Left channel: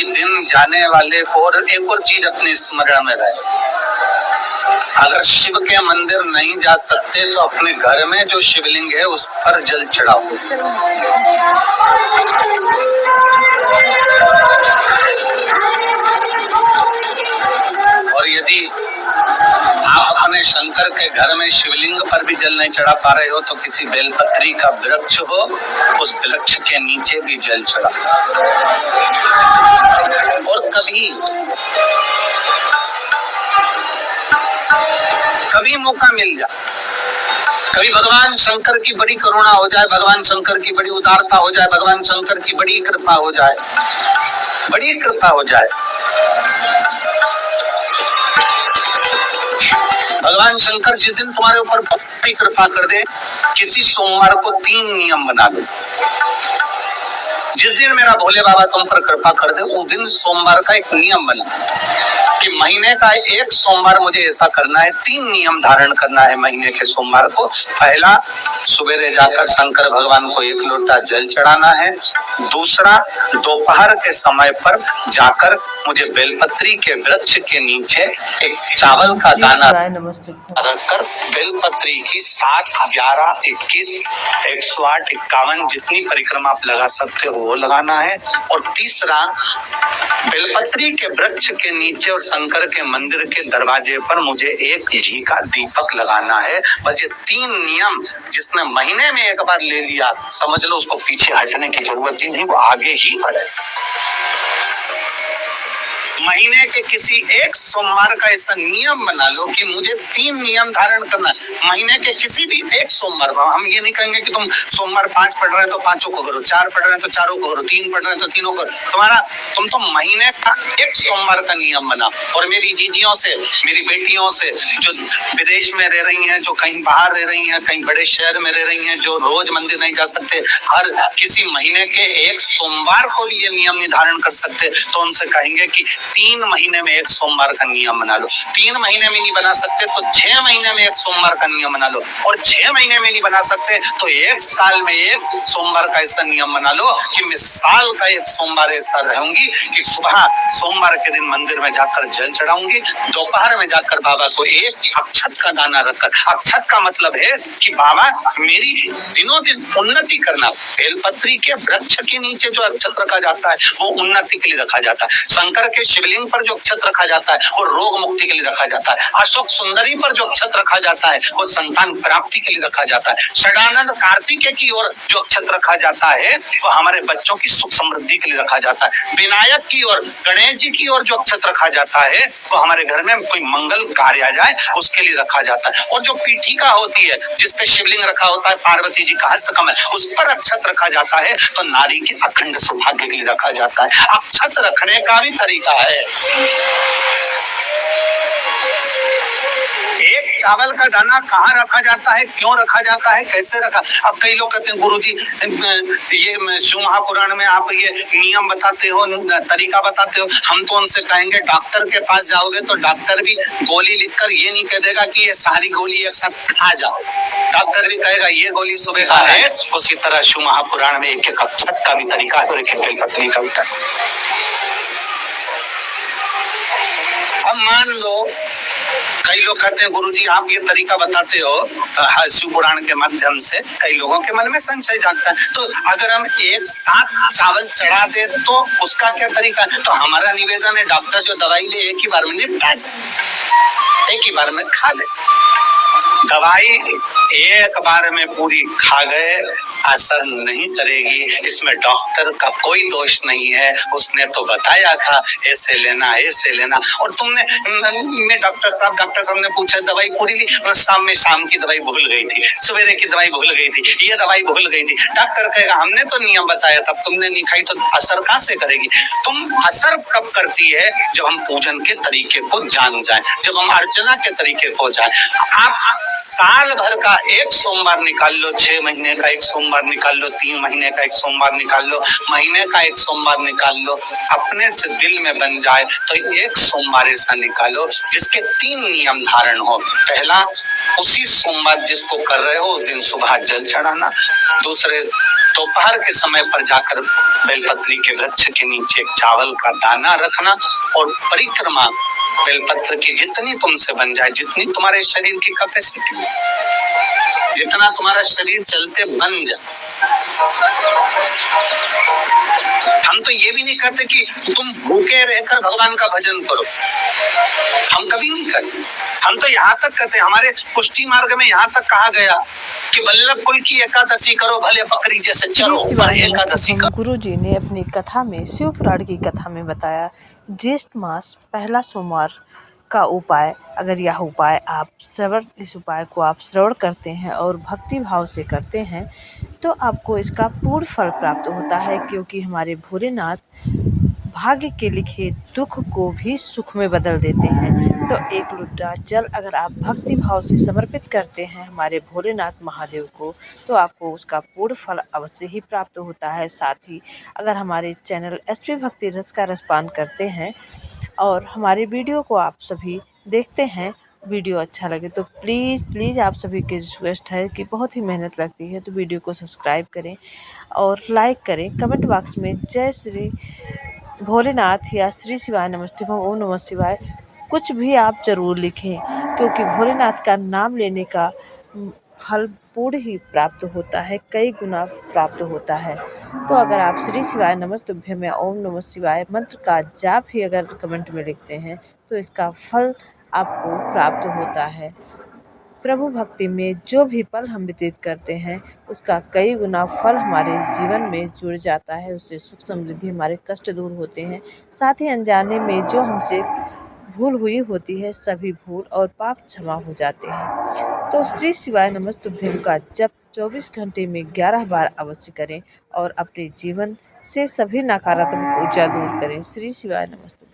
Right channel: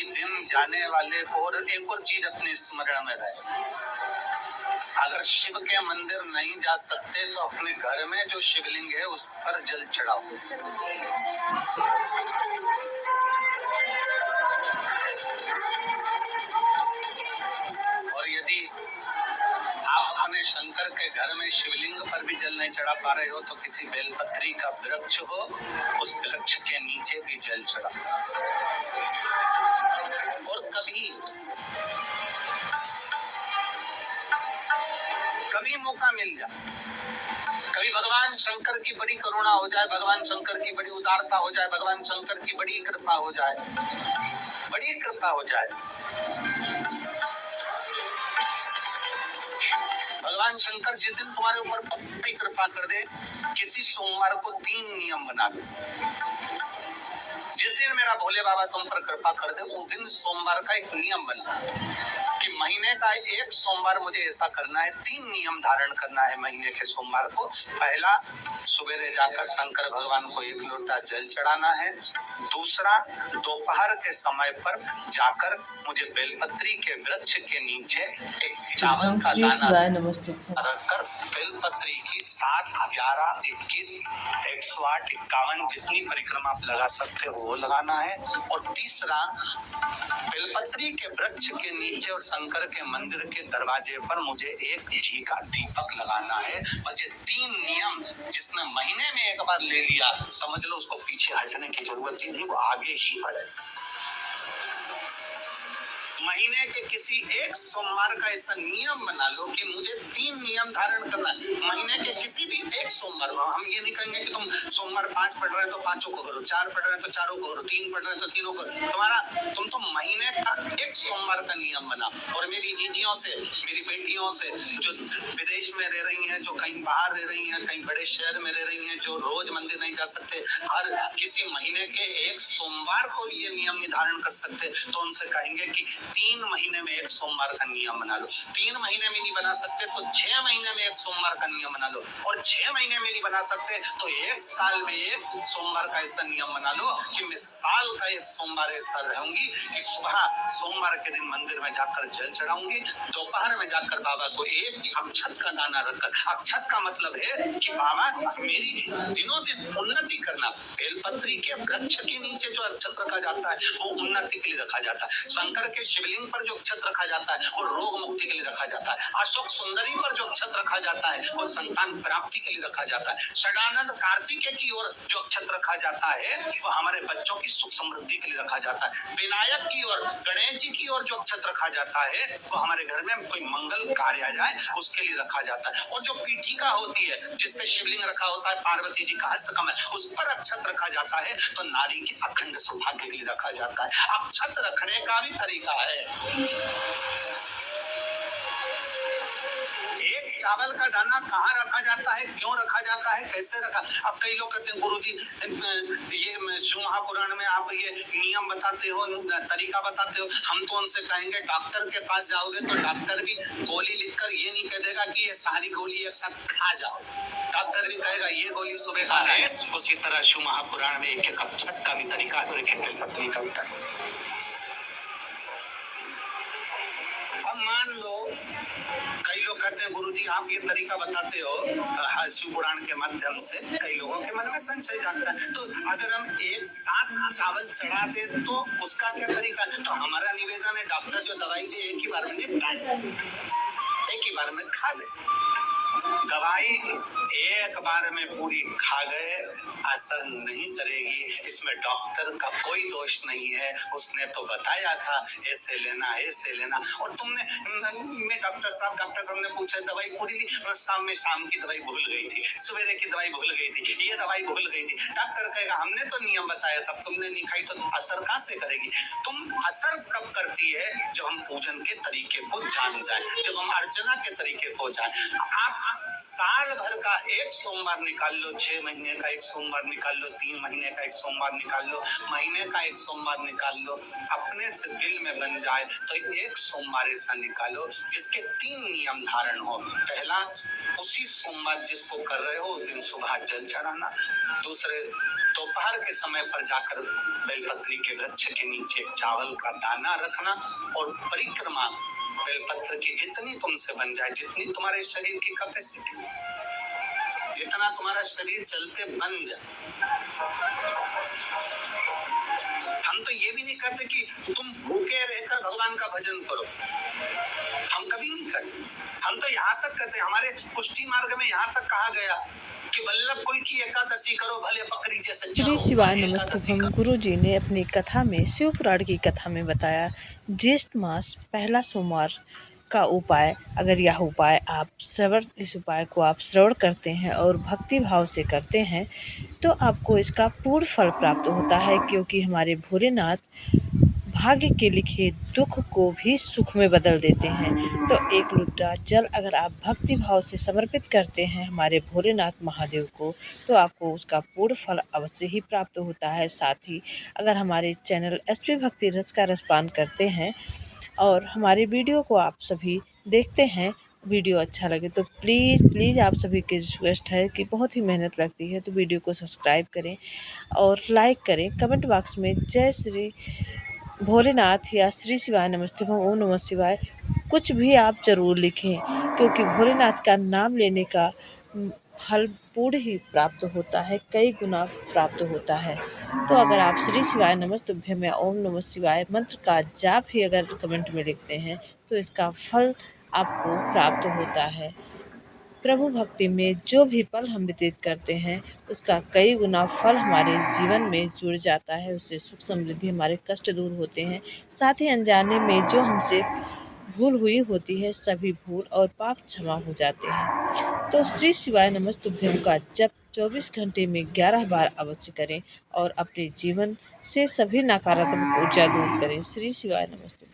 प्रतिदिन जाने वाले को, और एक और चीज अपने स्मरण में रहे, अगर शिव के मंदिर नहीं जा सकते तो अपने घर में जो शिवलिंग है उस पर जल चढ़ाओ। और यदि आप अपने शंकर के घर में शिवलिंग पर भी जल नहीं चढ़ा पा रहे हो तो किसी बेलपत्री का वृक्ष हो, उस वृक्ष के नीचे भी जल चढ़ा। और कभी मौका मिल जाए, कभी भगवान शंकर की बड़ी करुणा हो जाए, भगवान शंकर की बड़ी उदारता हो जाए, भगवान शंकर की बड़ी कृपा हो जाए, बड़ी कृपा हो जाए, भगवान शंकर जिस दिन तुम्हारे ऊपर बड़ी कृपा कर दे, किसी सोमवार को 3 नियम बना लो। जिस दिन मेरा भोले बाबा तुम पर कृपा कर दे, उस दिन सोमवार का एक नियम बना कि महीने का एक सोमवार मुझे ऐसा करना है, 3 नियम धारण करना है महीने के सोमवार को। पहला, सुबेरे जाकर शंकर भगवान को 1 लोटा जल चढ़ाना है। दूसरा, दोपहर के समय पर जाकर मुझे बेलपत्री के वृक्ष के नीचे एक चावल का दाना रखकर बेलपत्री की 7, 11, 21, 108, 51 जितनी परिक्रमा आप लगा सकते हो वो लगाना है। और तीसरा, बेलपत्री के वृक्ष के नीचे और शंकर के मंदिर के दरवाजे पर मुझे एक घी का दीपक लगाना है। बस ये 3 नियम जिसने महीने में एक बार ले लिया, समझ लो उसको पीछे हटने की जरूरत ही नहीं, वो आगे ही बढ़े। महीने के किसी एक सोमवार का ऐसा नियम बना लो कि मुझे 3 नियम धारण करना है। महीने के किसी भी एक सोमवार को, हम ये नहीं कहेंगे कि तुम सोमवार 5 पढ़ रहे हो तो 5 को करो, 4 पढ़ रहे हो तो 4 को करो, 3 पढ़ रहे हो तो 3 को करो। तुम तो महीने का एक सोमवार का नियम बना। और मेरी जीजियों से, मेरी बेटियों से जो विदेश में रह रही हैं, जो कहीं बाहर रह रही हैं, कहीं बड़े शहर में रह रही हैं, जो रोज मंदिर नहीं जा सकते, हर किसी महीने के एक सोमवार को भी ये नियम निर्धारण कर सकते, तो उनसे कहेंगे कि 3 महीने में एक सोमवार का नियम बना लो। 3 महीने में नहीं बना सकते तो 6 महीने में एक सोमवार का नियम बना लो। और 6 महीने में नहीं बना सकते तो 1 साल में एक सोमवार का ऐसा नियम बना लो कि मैं साल का एक सोमवार ऐसा रहूंगी कि सुबह सोमवार के दिन मंदिर में जाकर जल चढ़ाऊंगी, दोपहर में जाकर बाबा को एक अक्षत का दाना रखकर, अक्षत का मतलब है कि बाबा मेरी दिनों दिन उन्नति करना। बेलपत्री के वृक्ष के नीचे जो अक्षत रखा जाता है वो उन्नति के लिए रखा जाता है। शंकर के शिवलिंग पर जो अक्षत रखा जाता है वो रोग मुक्ति के लिए रखा जाता है। अशोक सुंदरी पर जो अक्षत रखा जाता है वो संतान प्राप्ति के लिए रखा जाता है। षडानंद कार्तिकेय की ओर जो अक्षत रखा जाता है वो हमारे बच्चों की सुख समृद्धि के लिए रखा जाता है। विनायक की ओर, गणेश जी की ओर जो अक्षत रखा जाता है वो हमारे घर में कोई मंगल कार्य आ जाए उसके लिए रखा जाता है। और जो पीठिका होती है जिसपे शिवलिंग रखा होता है, पार्वती जी का हस्तकमल, उस पर अक्षत रखा जाता है तो नारी के अखंड सौभाग्य के लिए रखा जाता है। अक्षत रखने का भी तरीका है। एक चावल का दाना कहाँ रखा जाता है, क्यों रखा जाता है, कैसे रखा। अब कई लोग कहते हैं गुरुजी ये शिव महापुराण में आप ये नियम बताते हो, तरीका बताते हो। हम तो उनसे कहेंगे डॉक्टर के पास जाओगे तो डॉक्टर भी गोली लिखकर ये नहीं कह देगा कि ये सारी गोली एक साथ खा जाओ। डॉक्टर भी कहेगा ये गोली सुबह खाना है। उसी तरह शिव महापुराण में एक अक्षत का भी तरीका है और एक बेलपत्री का भी तरीका। अब मान लो कई लोग कहते हैं गुरुजी आप ये तरीका बताते हो शिव पुराण के माध्यम से, कई लोगों के मन में संशय जागता है। तो अगर हम एक साथ चावल चढ़ा दे तो उसका क्या तरीका है? तो हमारा निवेदन है डॉक्टर जो दवाई ले एक ही बार में निपटा जाए, एक ही बार में खा ले। दवाई एक बार में पूरी खा गए असर नहीं करेगी, इसमें डॉक्टर का कोई दोष नहीं है। उसने तो बताया था ऐसे लेना ऐसे लेना, और तुमने मैं डॉक्टर साहब ने पूछा दवाई पूरी ली, शाम की दवाई भूल गई थी, सवेरे की दवाई भूल गई थी, ये दवाई भूल गई थी। डॉक्टर कहेगा हमने तो नियम बताया तब तुमने नहीं खाई, तो असर कहाँ से करेगी? तुम असर कब करती है? जब हम पूजन के तरीके को जान जाए, जब हम अर्चना के तरीके को जाए। आप साल भर का एक सोमवार निकाल लो, 6 महीने का एक सोमवार निकाल लो, 3 महीने का एक सोमवार निकाल लो, महीने का एक सोमवार निकाल लो, अपने से दिल में बन जाए तो एक सोमवार ऐसा निकालो जिसके 3 नियम धारण हो। पहला, उसी सोमवार जिसको कर रहे हो उस दिन सुबह जल चढ़ाना। दूसरे, दोपहर के समय पर जाकर बेलपत्री के वृक्ष के नीचे चावल का दाना रखना और परिक्रमा बेलपत्र की जितनी तुमसे बन जाए, जितनी तुम्हारे शरीर की कैपेसिटी, जितना तुम्हारा शरीर चलते बन जाए। हम तो ये भी नहीं कहते कि तुम भूखे रहकर भगवान का भजन करो, हम कभी नहीं करते। हम तो यहाँ तक कहते, हमारे पुष्टि मार्ग में यहाँ तक कहा गया कि वल्लभ कुल की एकादशी करो, भले बकरी जैसे चरो, पर एकादशी करो। गुरु जी ने अपनी कथा में, शिव पुराण की कथा में बताया, ज्येष्ठ मास पहला सोमवार का उपाय, अगर यह उपाय आप इस उपाय को आप श्रवण करते हैं और भक्ति भाव से करते हैं तो आपको इसका पूर्ण फल प्राप्त होता है, क्योंकि हमारे भोलेनाथ भाग्य के लिखे दुख को भी सुख में बदल देते हैं। तो एक लोटा जल अगर आप भक्ति भाव से समर्पित करते हैं हमारे भोलेनाथ महादेव को तो आपको उसका पूर्ण फल अवश्य ही प्राप्त होता है। साथ ही अगर हमारे चैनल एसपी भक्ति रस का रसपान करते हैं और हमारे वीडियो को आप सभी देखते हैं, वीडियो अच्छा लगे तो प्लीज़ आप सभी की रिक्वेस्ट है कि बहुत ही मेहनत लगती है तो वीडियो को सब्सक्राइब करें और लाइक करें। कमेंट बॉक्स में जय श्री भोलेनाथ या श्री शिवाय नमस्ते ओम नमः शिवाय कुछ भी आप ज़रूर लिखें, क्योंकि भोलेनाथ का नाम लेने का फल पूर्ण ही प्राप्त होता है, कई गुना प्राप्त होता है। तो अगर आप श्री शिवाय नमस्तुभ्यं या ओम नमः शिवाय मंत्र का जाप ही अगर कमेंट में लिखते हैं तो इसका फल आपको प्राप्त होता है। प्रभु भक्ति में जो भी पल हम व्यतीत करते हैं उसका कई गुना फल हमारे जीवन में जुड़ जाता है, उससे सुख समृद्धि, हमारे कष्ट दूर होते हैं। साथ ही अनजाने में जो हमसे भूल हुई होती है सभी भूल और पाप क्षमा हो जाते हैं। तो श्री शिवाय नमस्तुभ्यं का जप 24 घंटे में 11 बार अवश्य करें और अपने जीवन से सभी नकारात्मक ऊर्जा दूर करें। श्री शिवाय नमस्तुभ्यं।